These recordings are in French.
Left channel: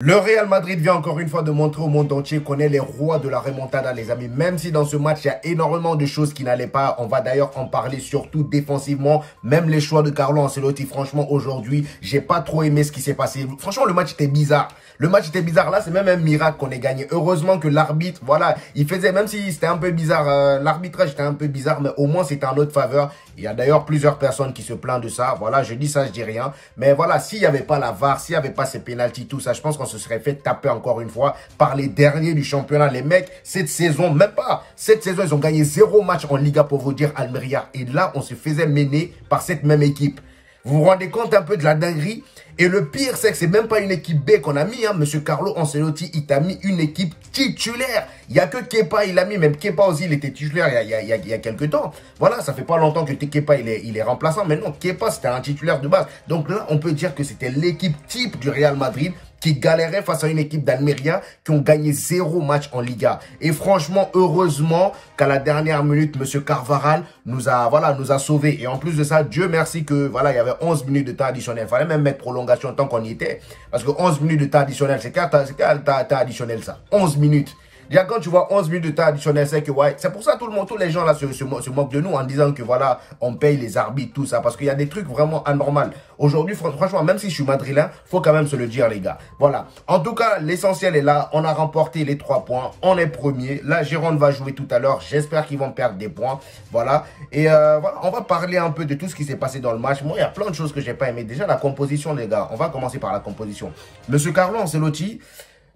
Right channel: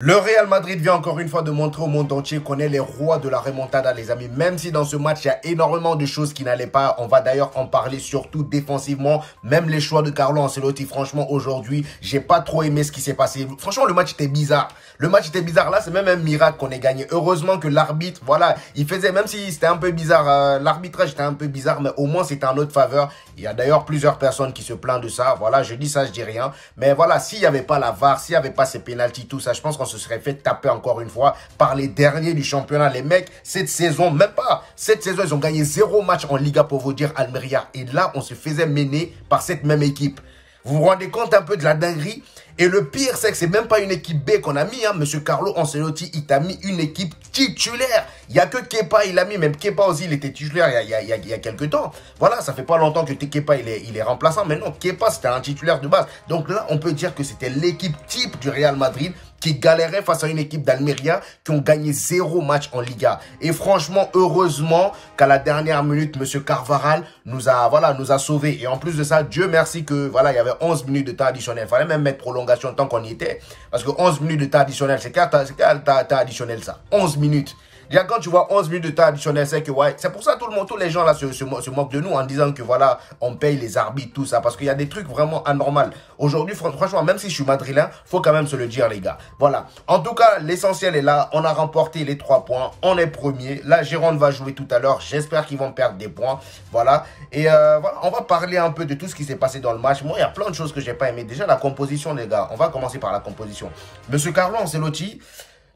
Le Real Madrid vient encore une fois de montrer au monde entier qu'on est les rois de la remontada, les amis. Même si dans ce match, il y a énormément de choses qui n'allaient pas. On va d'ailleurs en parler, surtout défensivement. Même les choix de Carlo Ancelotti, franchement, aujourd'hui, j'ai pas trop aimé ce qui s'est passé. Franchement, le match était bizarre. Le match était bizarre. Là, c'est même un miracle qu'on ait gagné. Heureusement que l'arbitre, voilà, il faisait, même si c'était un peu bizarre, l'arbitrage était un peu bizarre, mais au moins, c'était en notre faveur. Il y a d'ailleurs plusieurs personnes qui se plaignent de ça. Voilà, je dis ça, je dis rien. Mais voilà, s'il n'y avait pas la VAR, s'il n'y avait pas ces pénaltys, tout ça, je pense qu'on se serait fait taper encore une fois par les derniers du championnat. Les mecs, cette saison, même pas, cette saison, ils ont gagné 0 match en Liga pour vous dire Almeria. Et là, on se faisait mener par cette même équipe. Vous vous rendez compte un peu de la dinguerie? Et le pire, c'est que c'est même pas une équipe B qu'on a mis. Hein. Monsieur Carlo Ancelotti, il t'a mis une équipe titulaire. Il n'y a que Kepa, il a mis. Même Kepa aussi, il était titulaire il y a quelques temps. Voilà, ça fait pas longtemps que Kepa, il est remplaçant. Mais non, Kepa, c'était un titulaire de base. Donc là, on peut dire que c'était l'équipe type du Real Madrid qui galérait face à une équipe d'Almeria qui ont gagné 0 match en Liga. Et franchement, heureusement qu'à la dernière minute, M. Carvajal nous a sauvés. Et en plus de ça, Dieu merci que, voilà, il y avait 11 minutes de temps additionnel. Il fallait même mettre prolongation tant qu'on y était. Parce que 11 minutes de temps additionnel, c'est quel temps additionnel ça? 11 minutes. Déjà, quand tu vois 11 minutes de temps additionnel, c'est que, ouais, c'est pour ça que tous les gens là se moquent de nous en disant que, voilà, on paye les arbitres, tout ça. Parce qu'il y a des trucs vraiment anormaux. Aujourd'hui, franchement, même si je suis madrilène, faut quand même se le dire, les gars. Voilà. En tout cas, l'essentiel est là. On a remporté les 3 points. On est premier. La Gironde va jouer tout à l'heure. J'espère qu'ils vont perdre des points. Voilà. Et voilà, on va parler un peu de tout ce qui s'est passé dans le match. Moi, il y a plein de choses que j'ai pas aimé. Déjà, la composition, les gars. On va commencer par la composition. Monsieur Carlo Ancelotti,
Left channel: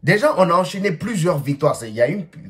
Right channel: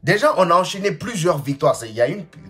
déjà, on a enchaîné plusieurs victoires.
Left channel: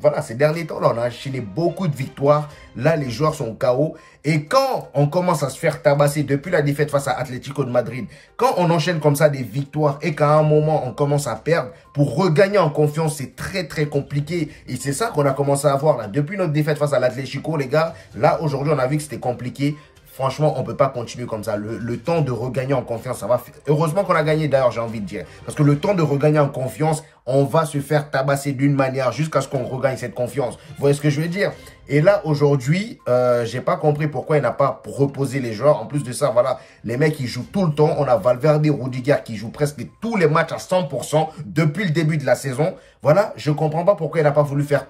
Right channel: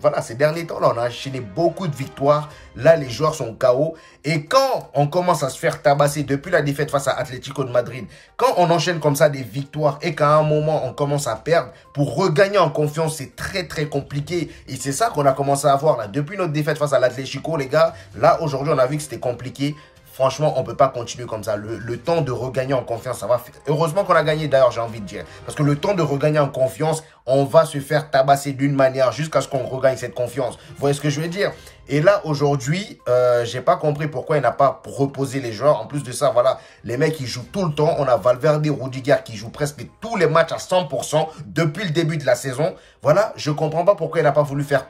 Voilà, ces derniers temps-là, on a enchaîné beaucoup de victoires. Là, les joueurs sont KO. Et quand on commence à se faire tabasser depuis la défaite face à Atlético de Madrid, quand on enchaîne comme ça des victoires et qu'à un moment, on commence à perdre, pour regagner en confiance, c'est très, très compliqué. Et c'est ça qu'on a commencé à voir là. Depuis notre défaite face à l'Atlético, les gars, là, aujourd'hui, on a vu que c'était compliqué. Franchement, on ne peut pas continuer comme ça. Le temps de regagner en confiance, ça va faire... Heureusement qu'on a gagné, d'ailleurs, j'ai envie de dire. Parce que le temps de regagner en confiance, on va se faire tabasser d'une manière jusqu'à ce qu'on regagne cette confiance. Vous voyez ce que je veux dire? Et là, aujourd'hui, j'ai pas compris pourquoi il n'a pas reposé les joueurs. En plus de ça, voilà, les mecs, ils jouent tout le temps. On a Valverde, Rudiger qui jouent presque tous les matchs à 100% depuis le début de la saison. Voilà, je comprends pas pourquoi il n'a pas voulu faire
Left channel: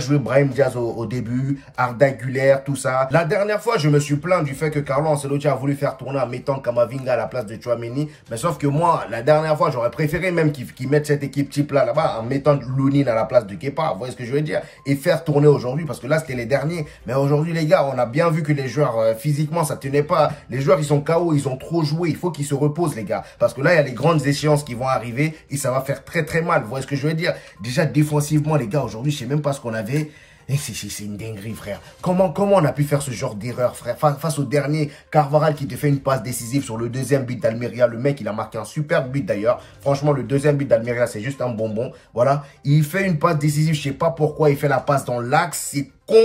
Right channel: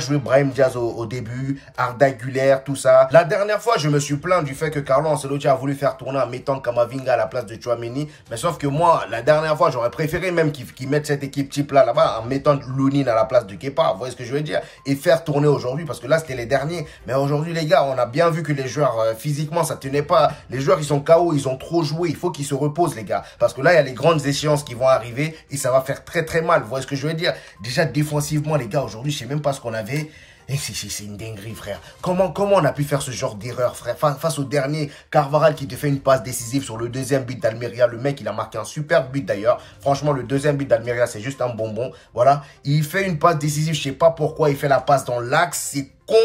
jouer Brahim Diaz au début, Arda Güler, tout ça. La dernière fois, je me suis plaint du fait que Carlo Ancelotti a voulu faire tourner en mettant Camavinga à la place de Tchouaméni. Mais sauf que moi, la dernière fois, j'aurais préféré même qu'ils mettent cette équipe type là-bas en mettant Lunin à la place de Kepa. Vous voyez ce que je veux dire? Et faire tourner aujourd'hui, parce que là, c'était les derniers. Mais aujourd'hui, les gars, on a bien vu que les joueurs, physiquement, ça tenait pas. Les joueurs, ils sont KO, ils ont trop joué. Il faut qu'ils se reposent, les gars. Parce que là, il y a les grandes échéances qui vont arriver et ça va faire très, très mal. Vous voyez ce que je veux dire? Déjà, défensivement, les gars, aujourd'hui, je sais même pas ce qu'on avait. Et c'est une dinguerie, frère. Comment on a pu faire ce genre d'erreur, frère? Face au dernier, Carvajal qui te fait une passe décisive sur le deuxième but d'Almeria. Le mec, il a marqué un superbe but d'ailleurs. Franchement, le deuxième but d'Almeria, c'est juste un bonbon. Voilà. Il fait une passe décisive. Je sais pas pourquoi il fait la passe dans l'axe. C'est con.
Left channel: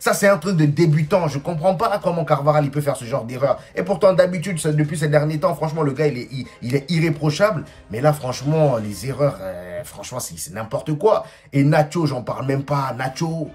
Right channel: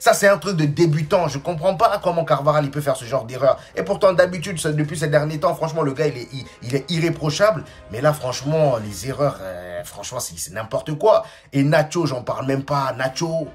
Ça, c'est un truc de débutant. Je comprends pas comment Carvajal, il peut faire ce genre d'erreur. Et pourtant, d'habitude, depuis ces derniers temps, franchement, le gars, il est irréprochable. Mais là, franchement, les erreurs, franchement, c'est n'importe quoi. Et Nacho, j'en parle même pas. Nacho...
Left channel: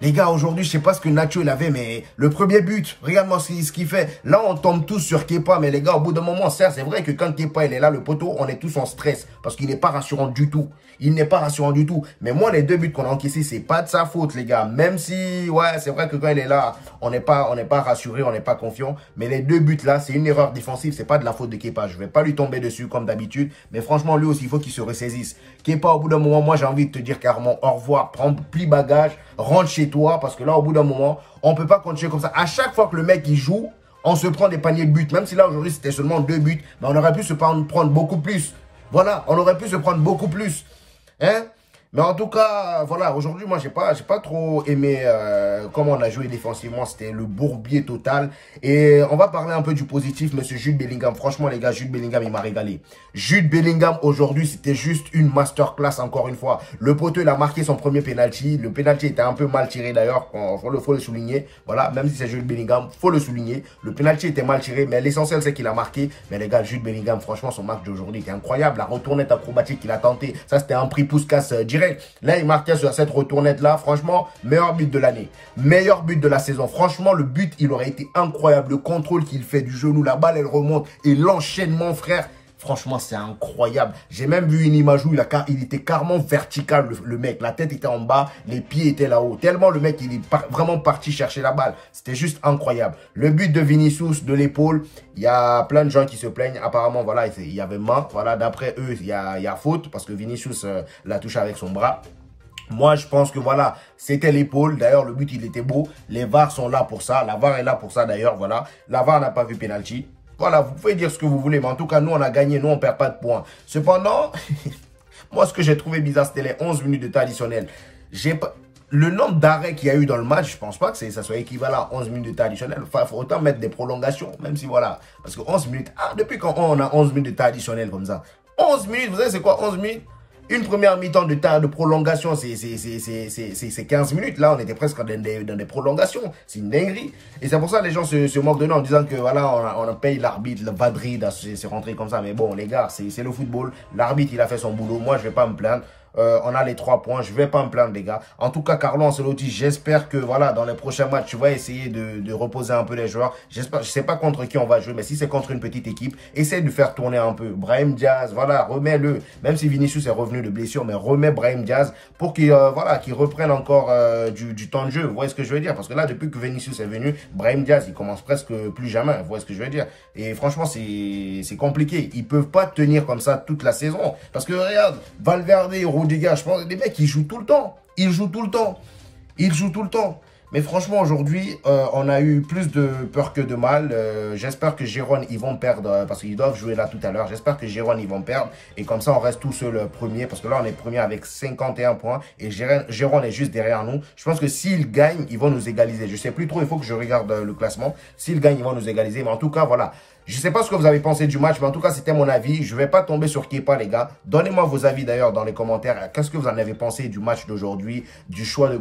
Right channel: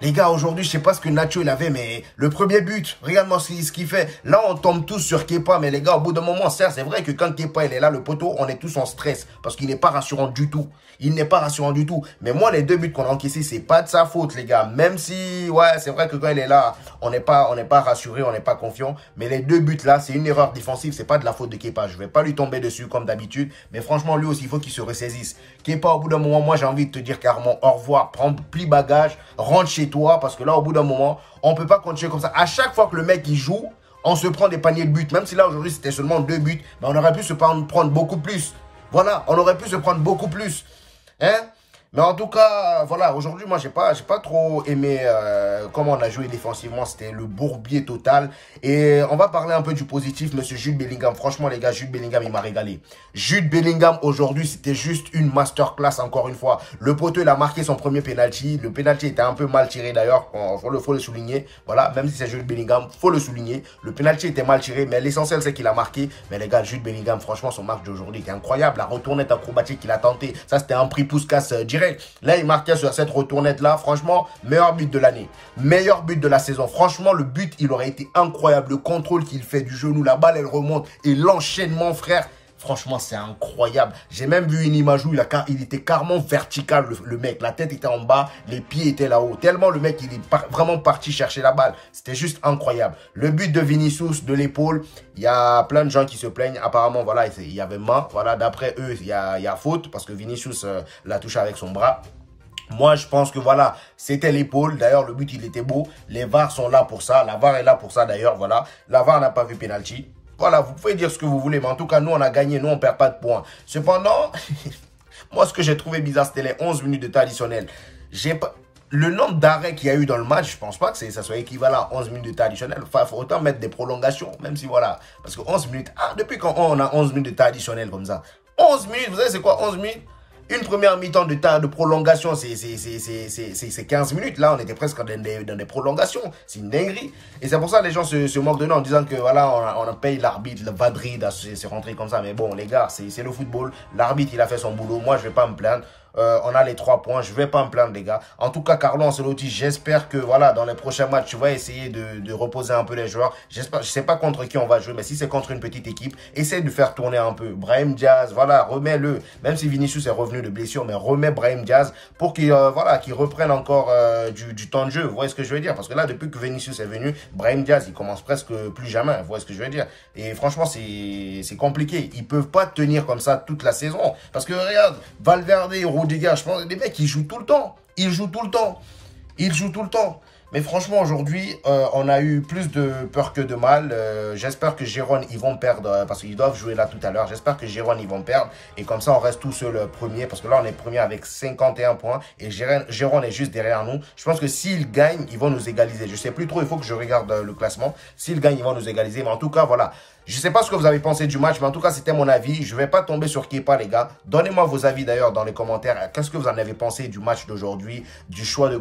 Les gars, aujourd'hui, je sais pas ce que Nacho il avait, mais le premier but, regarde-moi ce qu'il fait. Là, on tombe tous sur Kepa, mais les gars, au bout d'un moment, certes, c'est vrai que quand Kepa il est là, le poteau, on est tous en stress parce qu'il n'est pas rassurant du tout. Il n'est pas rassurant du tout. Mais moi, les 2 buts qu'on a encaissés, c'est pas de sa faute, les gars. Même si, ouais, c'est vrai que quand il est là, on n'est pas rassuré, on n'est pas confiant. Mais les 2 buts là, c'est une erreur défensive, c'est pas de la faute de Kepa. Je vais pas lui tomber dessus comme d'habitude. Mais franchement, lui aussi, il faut qu'il se ressaisisse. Kepa, au bout d'un moment, moi, j'ai envie de te dire carrément au revoir, prends plie bagage, rentre chez toi. Parce que là, au bout d'un moment, on peut pas continuer comme ça. À chaque fois que le mec, il joue, on se prend des paniers de buts. Même si là, aujourd'hui, c'était seulement 2 buts. Mais on aurait pu se prendre beaucoup plus. Voilà, on aurait pu se prendre beaucoup plus. Hein? Mais en tout cas, voilà, aujourd'hui, moi, j'ai pas trop aimé comment on a joué défensivement. C'était le bourbier total. Et on va parler un peu du positif, monsieur Jude Bellingham. Franchement, les gars, Jude Bellingham, il m'a régalé. Jude Bellingham, aujourd'hui, c'était juste une masterclass, encore une fois. Le poteau, il a marqué son premier penalty. Le penalty était un peu mal tiré, d'ailleurs. Faut le souligner. Voilà, même si c'est Jude Bellingham, faut le souligner. Le penalty était mal tiré, mais l'essentiel, c'est qu'il a marqué. Mais les gars, Jude Bellingham, franchement, son match d'aujourd'hui était incroyable. La retournette acrobatique qu'il a tenté, ça, c'était un prix Puskas direct. Là, il marquait sur cette retournette-là. Franchement, meilleur but de l'année. Meilleur but de la saison. Franchement, le but, il aurait été incroyable. Le contrôle qu'il fait du genou, la balle, elle remonte. Et l'enchaînement, frère. Franchement, c'est incroyable. J'ai même vu une image où il était carrément vertical, le mec. La tête était en bas, les pieds étaient là-haut. Tellement le mec, il est vraiment parti chercher la balle. C'était juste incroyable. Le but de Vinicius, de l'épaule, il y a plein de gens qui se plaignent. Apparemment, voilà, il y avait main. Voilà, d'après eux, il y a faute parce que Vinicius l'a touché avec son bras. Moi, je pense que voilà, c'était l'épaule. D'ailleurs, le but, il était beau. Les VAR sont là pour ça. La VAR est là pour ça, d'ailleurs, voilà. La VAR n'a pas vu penalty. Voilà, vous pouvez dire ce que vous voulez, mais en tout cas, nous, on a gagné. Nous, on ne perd pas de points. Cependant, moi, ce que j'ai trouvé bizarre, c'était les 11 minutes de temps additionnel. Le nombre d'arrêts qu'il y a eu dans le match, je pense pas que ça soit équivalent à 11 minutes de temps additionnel. Enfin, il faut autant mettre des prolongations, même si voilà. Parce que 11 minutes, depuis quand on a 11 minutes de temps additionnel comme ça? 11 minutes, vous savez c'est quoi 11 minutes? Une première mi-temps de prolongation, c'est 15 minutes. Là, on était presque dans des prolongations. C'est une dinguerie. Et c'est pour ça que les gens se moquent de nous en disant que voilà, on paye l'arbitre, le Madrid, c'est rentré comme ça. Mais bon, les gars, c'est le football. L'arbitre, il a fait son boulot. Moi, je vais pas me plaindre. On a les 3 points. Je vais pas me plaindre, les gars. En tout cas, Carlo Ancelotti, j'espère que voilà, dans les prochains matchs, tu vas essayer de reposer un peu les joueurs. J'espère, je sais pas contre qui on va jouer, mais si c'est contre une petite équipe, essaye de faire tourner un peu. Brahim Diaz, voilà, remets-le. Même si Vinicius est revenu de blessure, mais remets Brahim Diaz pour qu'il voilà, qu'il reprenne encore du temps de jeu. Vous voyez ce que je veux dire? Parce que là, depuis que Vinicius est venu, Brahim Diaz, il commence presque plus jamais. Vous voyez ce que je veux dire? Et franchement, c'est compliqué. Ils peuvent pas tenir comme ça toute la saison. Parce que regarde, Valverde et Rudiger, je pense que les mecs, ils jouent tout le temps. Ils jouent tout le temps. Ils jouent tout le temps. Mais franchement, aujourd'hui, on a eu plus de peur que de mal. J'espère que Gérone, ils vont perdre parce qu'ils doivent jouer là tout à l'heure. J'espère que Gérone, ils vont perdre. Et comme ça, on reste tous seuls premiers. Parce que là, on est premier avec 51 points. Et Gérone est juste derrière nous. Je pense que s'ils gagnent, ils vont nous égaliser. Je sais plus trop, il faut que je regarde le classement. S'ils gagnent, ils vont nous égaliser. Mais en tout cas, voilà. Je ne sais pas ce que vous avez pensé du match, mais en tout cas, c'était mon avis. Je ne vais pas tomber sur Kepa, les gars. Donnez-moi vos avis, d'ailleurs, dans les commentaires. Qu'est-ce que vous en avez pensé du match d'aujourd'hui, du choix de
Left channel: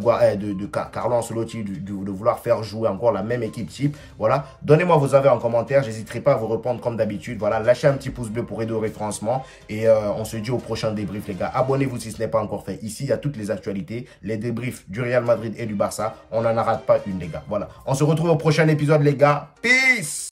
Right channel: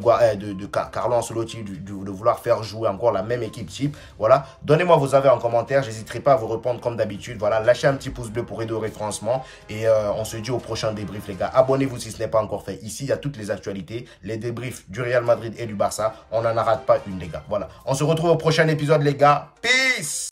Carlo Ancelotti, de vouloir faire jouer encore la même équipe type. Voilà. Donnez-moi vos avis en commentaire. J'hésiterai pas à vous répondre comme d'habitude. Voilà. Lâchez un petit pouce bleu pour aider au référencement. Et on se dit au prochain débrief, les gars. Abonnez-vous si ce n'est pas encore fait. Ici, il y a toutes les actualités. Les débriefs du Real Madrid et du Barça. On n'en rate pas une, les gars. Voilà. On se retrouve au prochain épisode, les gars. Peace!